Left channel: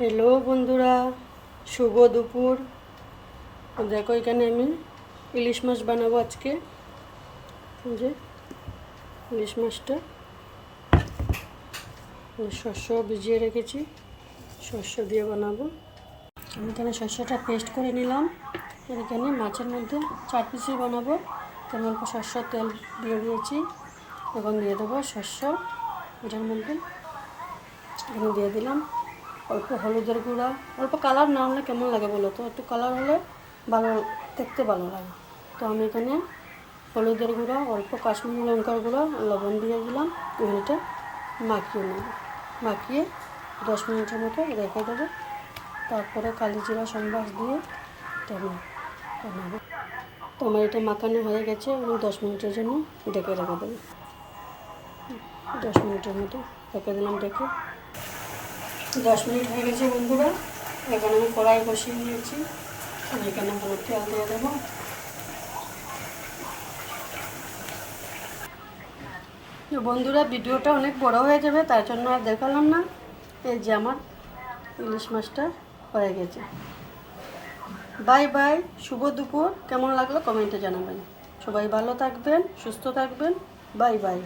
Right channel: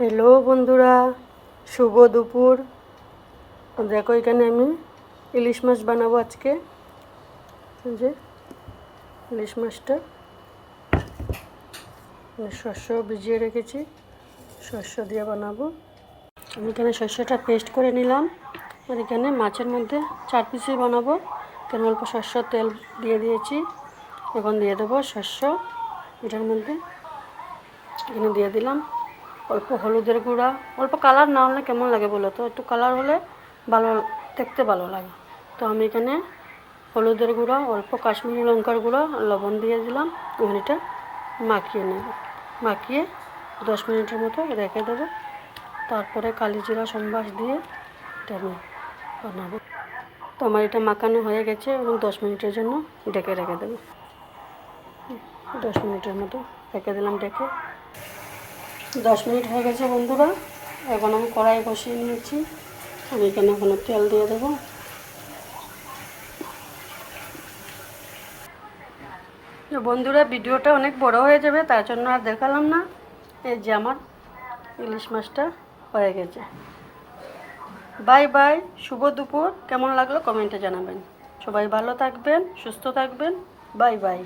Hello বন্ধুরা, শুভ দুপুর। দেখো এখানে আমি ইলিশ মাছ বানাবো আজকে। যে ইলিশ মাছটা শস্য ভিজিয়ে রেখেছি, শস্য দিয়ে বানাবো। আমি এখানে শস্যটা পেস্ট করে নিলাম। আর এখানে মাছের মধ্যে 4 পিসই বানাবো। এখানে অল্প শস্য তেল দিয়ে দিয়েছি। এখন দিয়ে দেবো শস্য এটার মধ্যে। এখানে দিয়ে দিলাম অল্প হলুদের গুঁড়া। অল্প কালার না হলে কেমন লাগে বলো তো, একটু কালার হলে ভালো, দেখতে ভালো লাগে। তো আমি এখানে হলুদের গুঁড়া, অল্প কাশ্মীরি লঙ্কার গুঁড়া, লবণ দিয়ে দিলাম। এখন এটা মাখিয়ে নেব। মাখিয়ে 10 মিনিটের মতো রেখে দেবো। তারপরে কালি জিরা সম্বাস দিয়ে এটা আমি বানাবো। তো আমার এটা মাখানো হয়ে গেছে এবং 10 মিনিটের জন্য ঢেকে রেখে দেবো। 10 মিনিটের মতো রেখে দিলাম। 10 মিনিট হয়ে গেছে বন্ধুরা। এখন আমি কড়াই বসিয়ে নিয়েছি। আমি এখানে এখন তেল দিয়ে দেবো। বন্ধুরা, ভিডিওটা অনেক বড় হয়ে যাবে, তার জন্য আর দেখালাম না। এই যে আমার ইলিশ মাছটা হয়ে গেছে। বাই বাই, শুভ দুপুর। কেমন লাগলো কমেন্টে জানাবেন। সবাই ভালো থাকবেন, সুস্থ থাকবেন। Bye bye.